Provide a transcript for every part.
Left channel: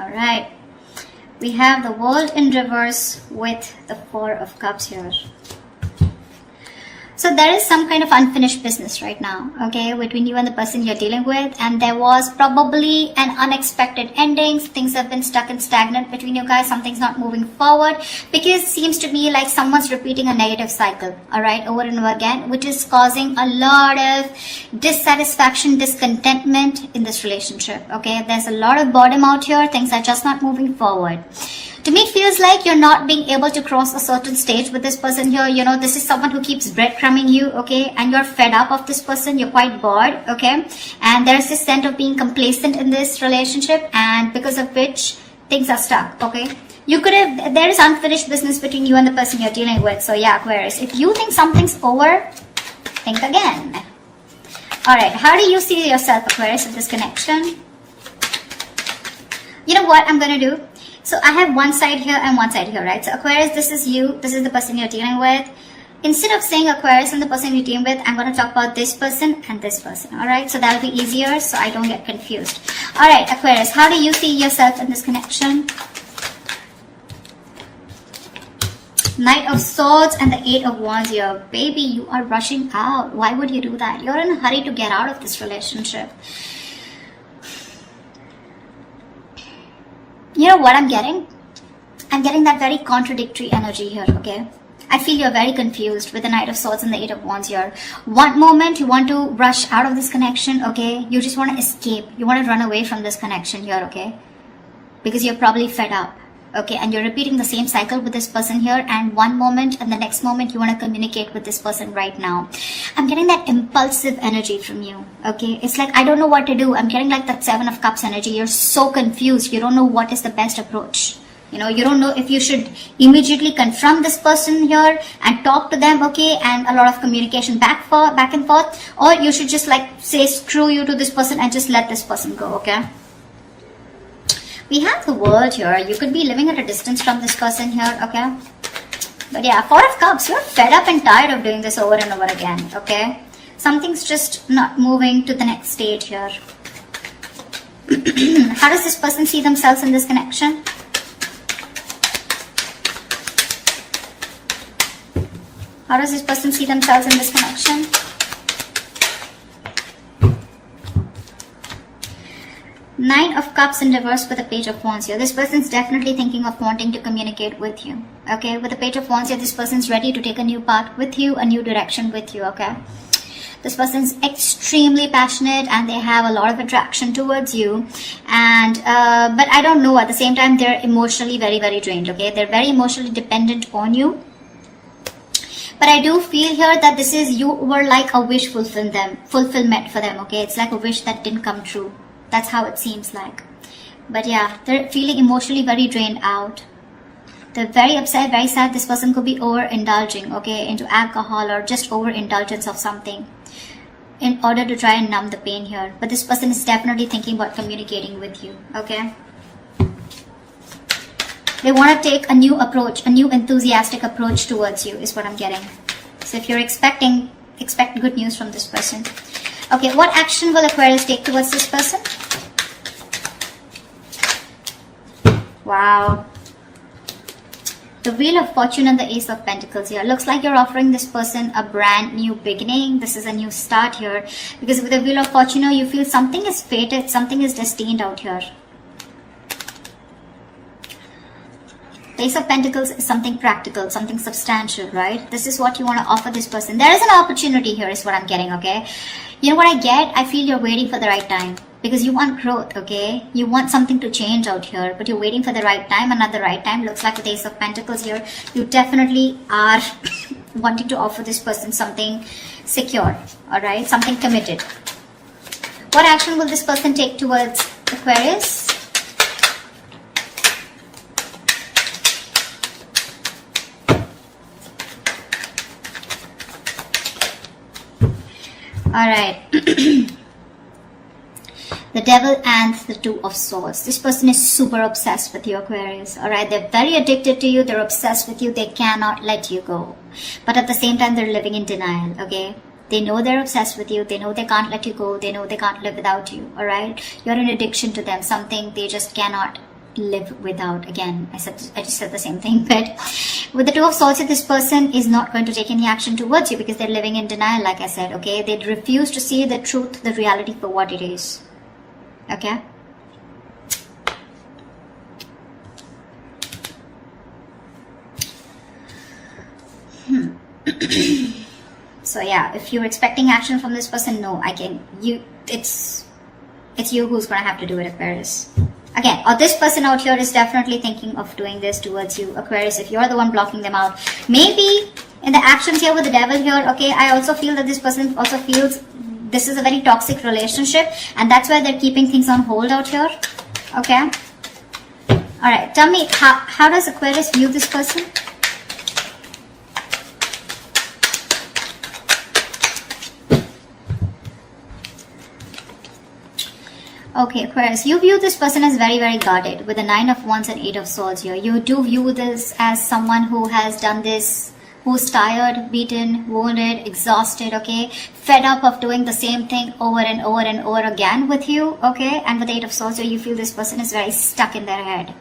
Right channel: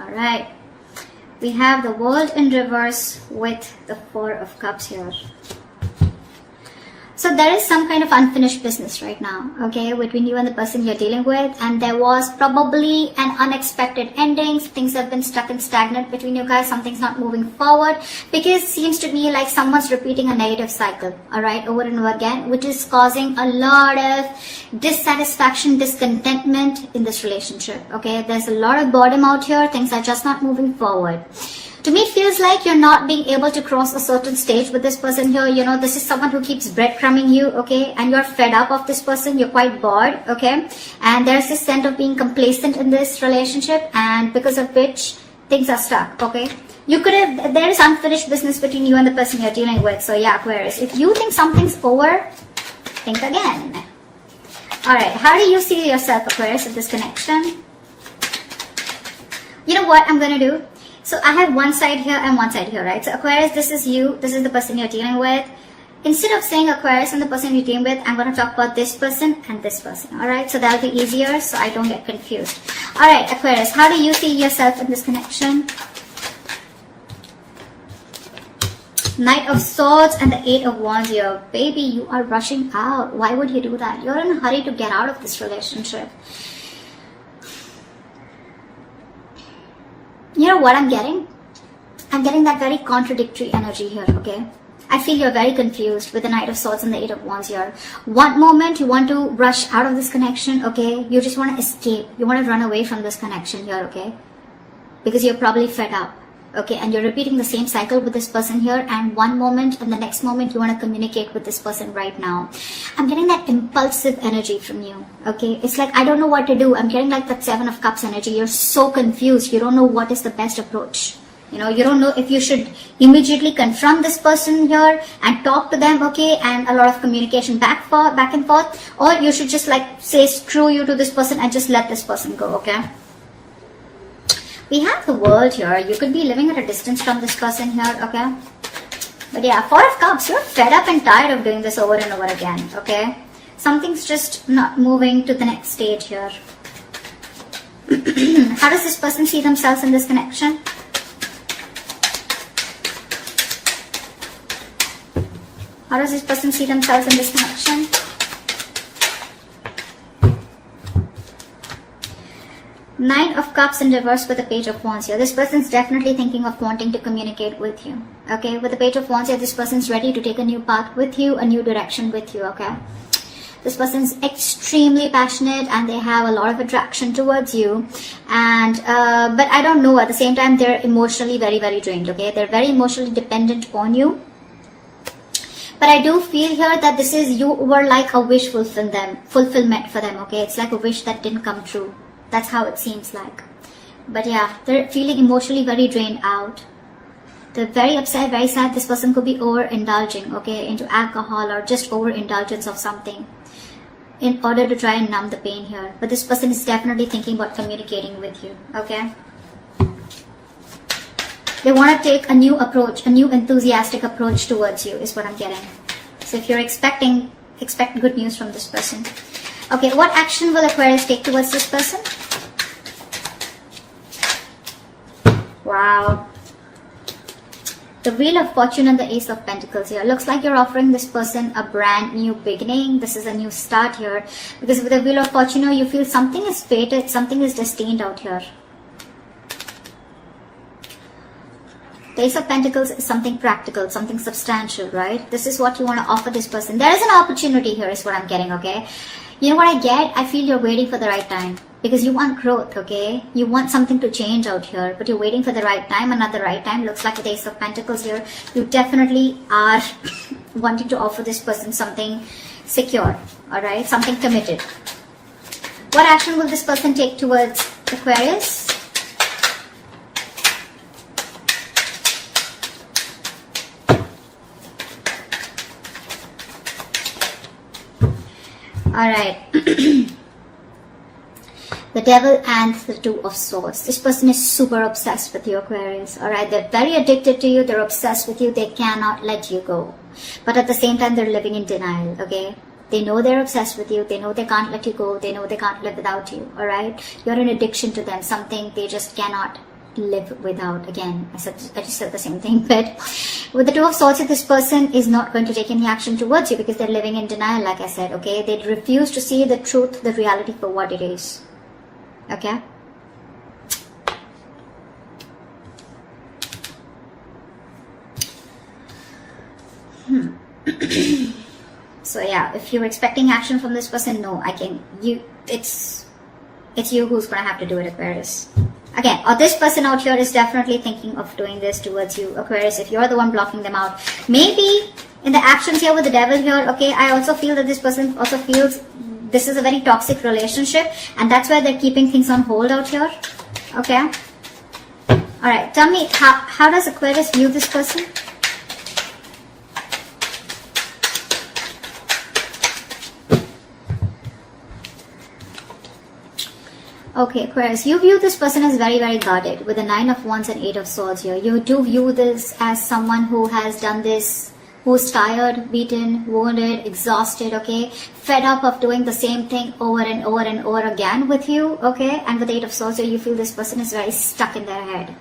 All right. We have the World in reverse with the Four of Cups here. So there is some kind of unfinished business right now, okay, between you and the person you're dealing with, and there was probably an unexpected ending. Things have been stuck and stagnant between you guys. Something's not moving forward because it seems to be like someone's repeating a negative cycle, all right, over and over again, which is causing a lot of dissatisfaction, discontentment in this relationship, okay. There's a lot of boredom out here. Things are just not moving forward. To me, it feels like you're not being able to cross a certain stage with this person here. You know, this is someone who keeps breadcrumbing you, okay? And you're fed up of this person. You're quite bored, okay? And there's this sense of being complacent in this relationship, and because of which things are stuck, okay? You could have, there is unfinished business between you and the person you're dealing with. So yeah, Aquarius, if you think something's over, think again. All right, how do you see yourself, Aquarius, in this connection? You know what I'm going to do? So I have one side here and one side here, right? So Aquarius, this is you. This is the person you're dealing with. Instead of saying Aquarius and the person you're dealing with, I'm going to talk about this person and this person. All right? So that'll be easier so I don't get confused. All right, Aquarius, how do you see yourself in this connection? Knight of Swords and the Eight of Wands here. Baby, you are rushing out. Why would you do that? You're in a hurry to get out of this relationship. You know what I'm getting? I'm getting that very contradictory energy here, okay? I feel you're very confused with the Knight of Swords and the Eight of Wands here. One moment you want to rush out of this connection, okay? You just want to escape. You want to run away from this connection here, okay? Because you're probably fed up, okay? And you're repeating the same cycle with this person here, and one moment and the next moment you want to communicate with this person right now. I'm getting that impulsive energy from you, okay? It's like, I don't know what to do. I'm getting like that Seven of Cups energy. You're so confused. You don't know what is the best approach. You know, you don't know if you should immediately confront this person here and talk to them, okay? And a lot of communication back and forth. Or you should just like say screw you to this person and just let this person go, okay? We have the World here. You could be living at a distance from this person here, okay? But yeah, Four of Cups, you're fed up and tired of doing this over and over again, okay? Something's just not moving to the next stage here. How does this person see themselves in this connection? How does this person see themselves in this connection? Nine of Cups in reverse with the Page of Wands here. This person's definitely thinking of wanting to communicate with you. Okay, with the Page of Wands here, this person's ready to take a new path with you, a new direction with you, okay? This person's extremely passionate and they have a lot of attraction towards you. And, but I don't know, at the same time, they're emotionally very, very drained, okay? They're very emotionally dependent on you. But I do feel here that this is, you were like a wish fulfillment for them, okay? It's like a wish that didn't come true. That's how it seems like. But yeah, they're feeling emotionally very drained out. They're very upset, very sad. This person could be overindulging, okay, into alcohol or just overindulgence of something in order to try and numb the pain here. But this person is definitely thinking about communicating with you, okay? They want to take a new approach, a new enthusiastic approach towards you is what I'm getting. So if you're expect good news from this person. Okay, what action will Aquarius take towards this person? Wow. The Wheel of Fortune and the Ace of Pentacles here. Looks like you're offering this person a brand new beginning. This is a new start here. Because with the Wheel of Fortune, you feel something is fated, something is destined out here. The Ace of Pentacles is something practical, something substantial, right? This is what you want to offer this person. There is an opportunity here is what I'm getting, okay? You know what I get? I feel you're waiting for the right time. Because you want growth, okay? You want something to change out here, but you're waiting for the right time, and at the right time, looks like with the Ace of Pentacles here, you definitely are wanting to offer this person something secure, alright? Something committed. What action will this person take towards Aquarius? Alright. The Devil and the Two of Swords. This person is super obsessed with you, Aquarius. Alright, they're very addicted to you. They're obsessed with you. They cannot let you go. But at the same time, they're living in denial, okay? They know they're obsessed with you. They know they can't let you go. They know they can't live without you. All right. You're an addiction to them. Something they just cannot live without. Again, I just said the same thing. But with the Two of Swords, this person is not going to take any action towards you because they're living in denial, like I said. Okay. They refuse to see the truth, the reality for what it is. Okay. So yeah, if you're expecting action from this person, no, it's you who's gonna have to do it, Aquarius. Again, or this person out here is definitely thinking of doing this towards you, Aquarius, if you're the one blocking them out. Maybe in the actions here with the devil here, okay, I also feel that this person also feels this is a very toxic relationship, and that's why they're keeping things on hold out here. Okay. Alright, tell me, how does Aquarius view this person? Okay, Aquarius, you view this person as very, very guarded with the 9 of Wands and 8 of Swords here. You do view this as someone who has done this, who's tired, beaten, wounded, exhausted, okay? Fed up of doing the same thing over and over and over again with you, okay? And with the 8 of Swords here, you feel this person is very stuck in their head.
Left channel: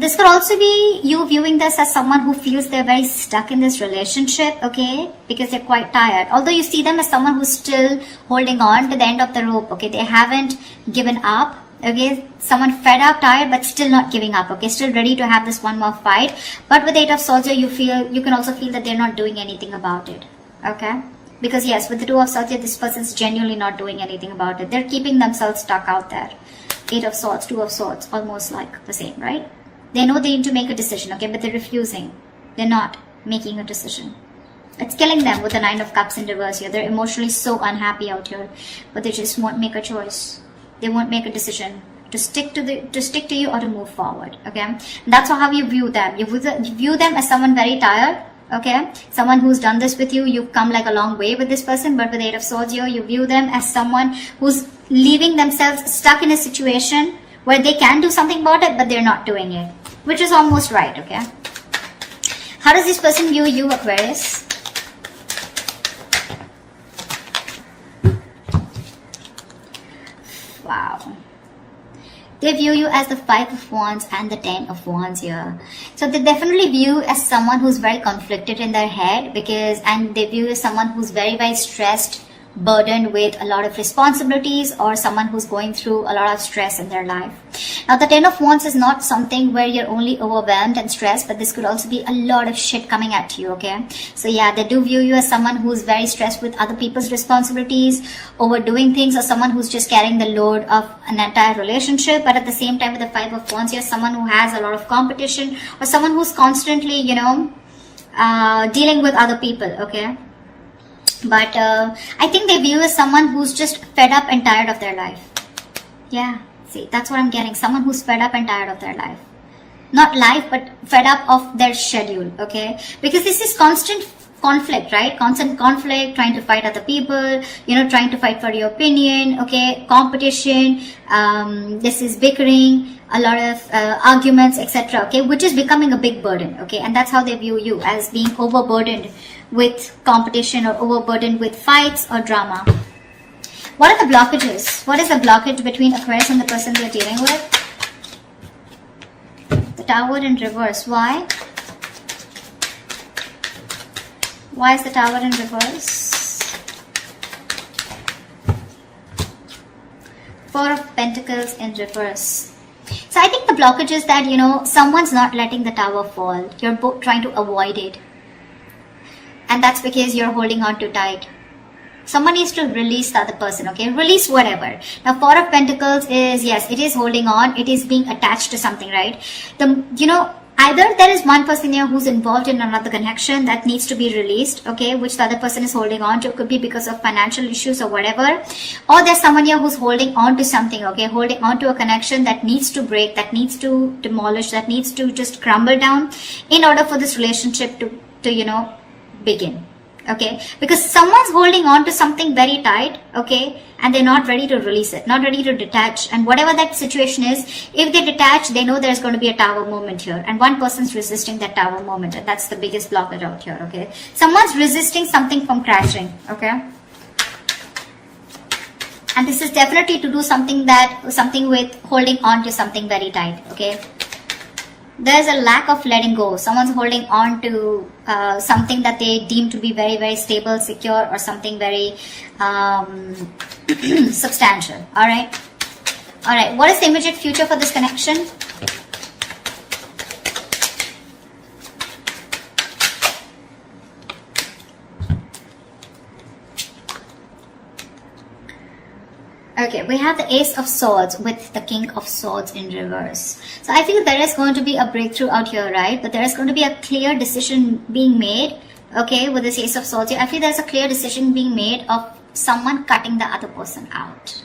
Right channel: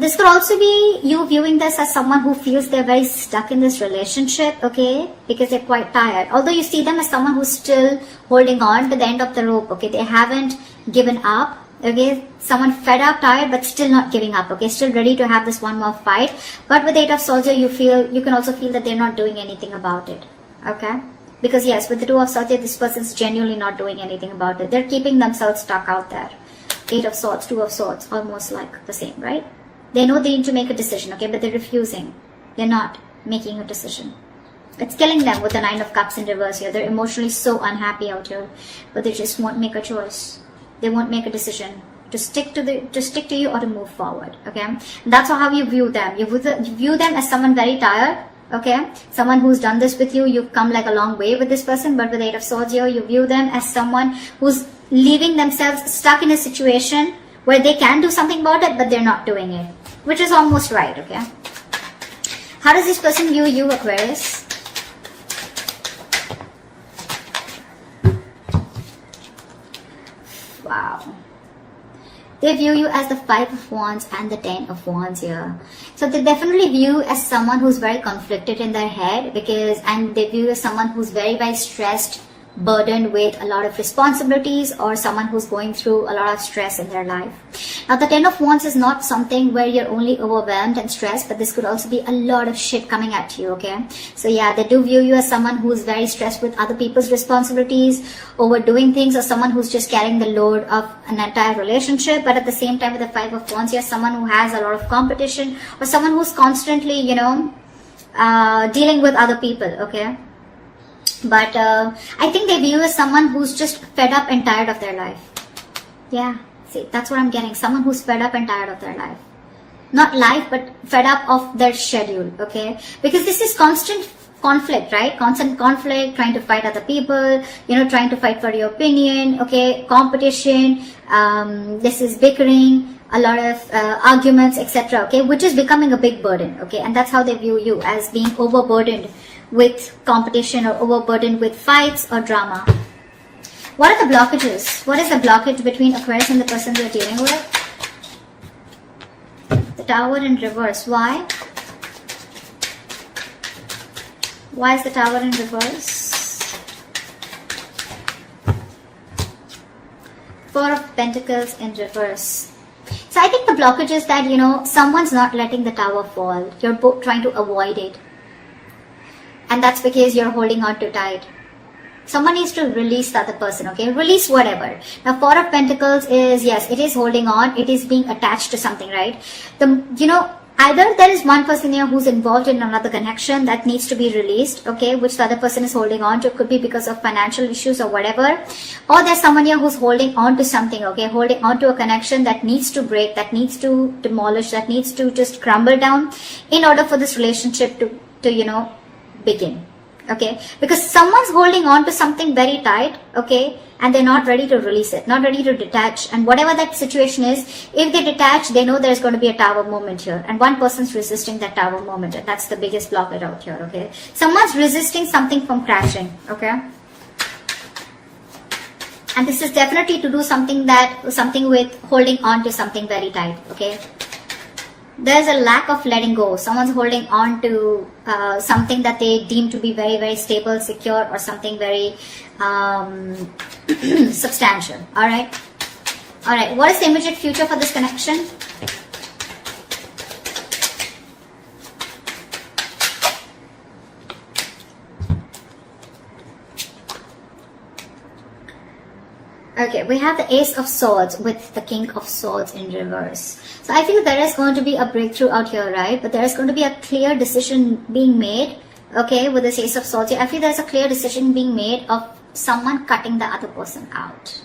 This could also be you viewing this as someone who feels they're very stuck in this relationship, okay, because they're quite tired. Although you see them as someone who's still holding on to the end of the rope, okay, they haven't given up, okay, someone fed up, tired, but still not giving up, okay, still ready to have this one more fight. But with 8 of Swords, you can also feel that they're not doing anything about it, okay. Because yes, with the 2 of Swords, this person's genuinely not doing anything about it. They're keeping themselves stuck out there. 8 of Swords, 2 of Swords, almost like the same, right? They know they need to make a decision, okay, but they're refusing. They're not making a decision. It's killing them with the 9 of Cups in reverse here. They're emotionally so unhappy out here, but they just won't make a choice. They won't make a decision to stick to you or to move forward, okay? And that's how you view them. You view them as someone very tired, okay? Someone who's done this with you. You've come like a long way with this person, but with 8 of Swords here, you view them as someone who's leaving themselves stuck in a situation where they can do something about it, but they're not doing it, which is almost right, okay? How does this person view you, Aquarius? Wow. They view you as the 5 of Wands and the 10 of Wands here. So they definitely view you as someone who's very conflicted in their head, and they view you as someone who's very, very stressed, burdened with a lot of responsibilities, or someone who's going through a lot of stress in their life. Now the 10 of Wands is not something where you're only overwhelmed and stressed, but this could also be a lot of shit coming at you, okay? So yeah, they do view you as someone who's very stressed with other people's responsibilities, overdoing things, or someone who's just carrying the load of an entire relationship. But at the same time, with the 5 of Wands, you're someone who has a lot of competition, or someone who's constantly, dealing with other people, okay? But I think they view you as someone who's just fed up and tired of their life. Yeah, see, that's what I'm getting. Someone who's fed up and tired of their life. Not life, but fed up of their schedule, okay? Because this is constant conflict, right? Constant conflict, trying to fight other people, trying to fight for your opinion, okay? Competition, this is bickering, a lot of arguments, etc., okay? Which is becoming a big burden, okay? And that's how they view you, as being overburdened with competition or overburdened with fights or drama. What are the blockages? What is the blockage between Aquarius and the person you're dealing with? The Tower in reverse. Why? Why is the Tower in reverse? 4 of Pentacles in reverse. So I think the blockage is that, someone's not letting the Tower fall. You're both trying to avoid it. And that's because you're holding on too tight. Someone needs to release the other person, okay? Release whatever. Now, 4 of Pentacles is, yes, it is holding on. It is being attached to something, right? Either there is one person here who's involved in another connection that needs to be released, okay, which the other person is holding on to. Could be because of financial issues or whatever. Or there's someone here who's holding on to something, okay, holding on to a connection that needs to break, that needs to demolish, that needs to just crumble down in order for this relationship to begin, Okay, because someone's holding on to something very tight, okay, and they're not ready to release it, not ready to detach. And whatever that situation is, if they detach, they know there's going to be a tower moment here, and one person's resisting that tower moment, and that's the biggest blocker out here. Okay, someone's resisting something from crashing. Okay, and this is definitely to do something with holding on to something very tight. Okay, there's a lack of letting go. Someone's holding on to something that they deem to be very, very stable, secure, or something very substantial. All right. What is the immediate future for this connection? Okay, we have the Ace of Swords with the King of Swords in reverse. So I feel there is going to be a breakthrough out here, right? But there is going to be a clear decision being made, okay, with this Ace of Swords here. I feel there's a clear decision being made of someone cutting the other person out.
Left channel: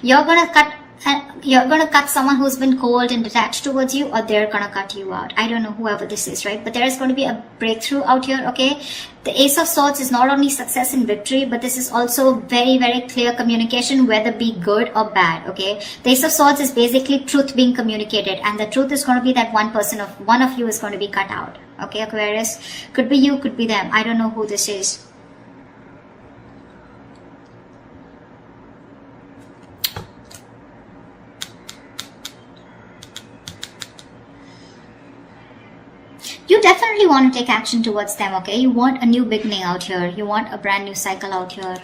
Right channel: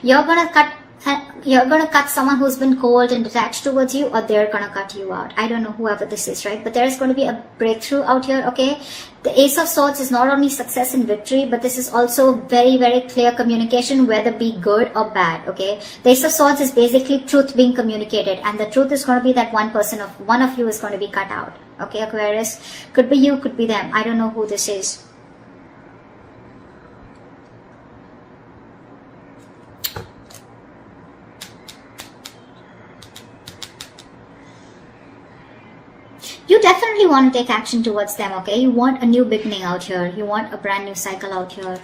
You're going to cut someone who's been cold and detached towards you, or they're going to cut you out. I don't know whoever this is, right? But there is going to be a breakthrough out here, okay? The Ace of Swords is not only success and victory, but this is also very, very clear communication, whether be good or bad, okay? The Ace of Swords is basically truth being communicated, and the truth is going to be that one of you is going to be cut out, okay, Aquarius? Could be you, could be them. I don't know who this is. You definitely want to take action towards them, okay? You want a new beginning out here. You want a brand new cycle out here.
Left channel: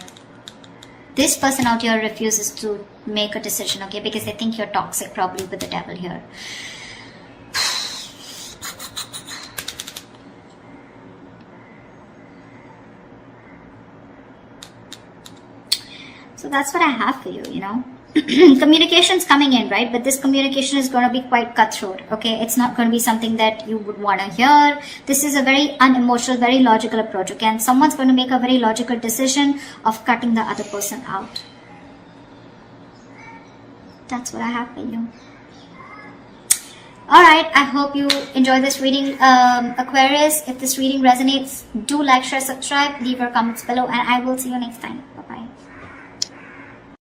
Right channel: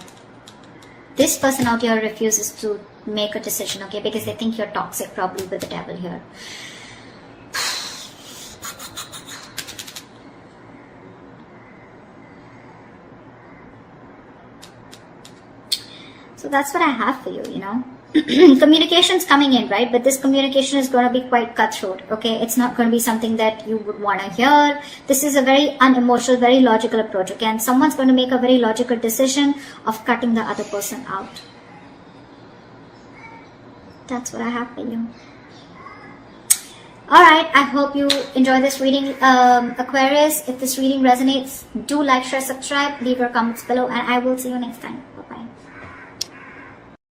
This person out here refuses to make a decision, okay? Because they think you're toxic, probably with the devil here. So that's what I have for you, you know. Communication's coming in, right? But this communication is going to be quite cutthroat, okay? It's not going to be something that you would want to hear. This is a very unemotional, very logical approach, okay? And someone's going to make a very logical decision of cutting the other person out. That's what I have for you. Alright, I hope you enjoy this reading, Aquarius. If this reading resonates, do like, share, subscribe, leave your comments below, and I will see you next time.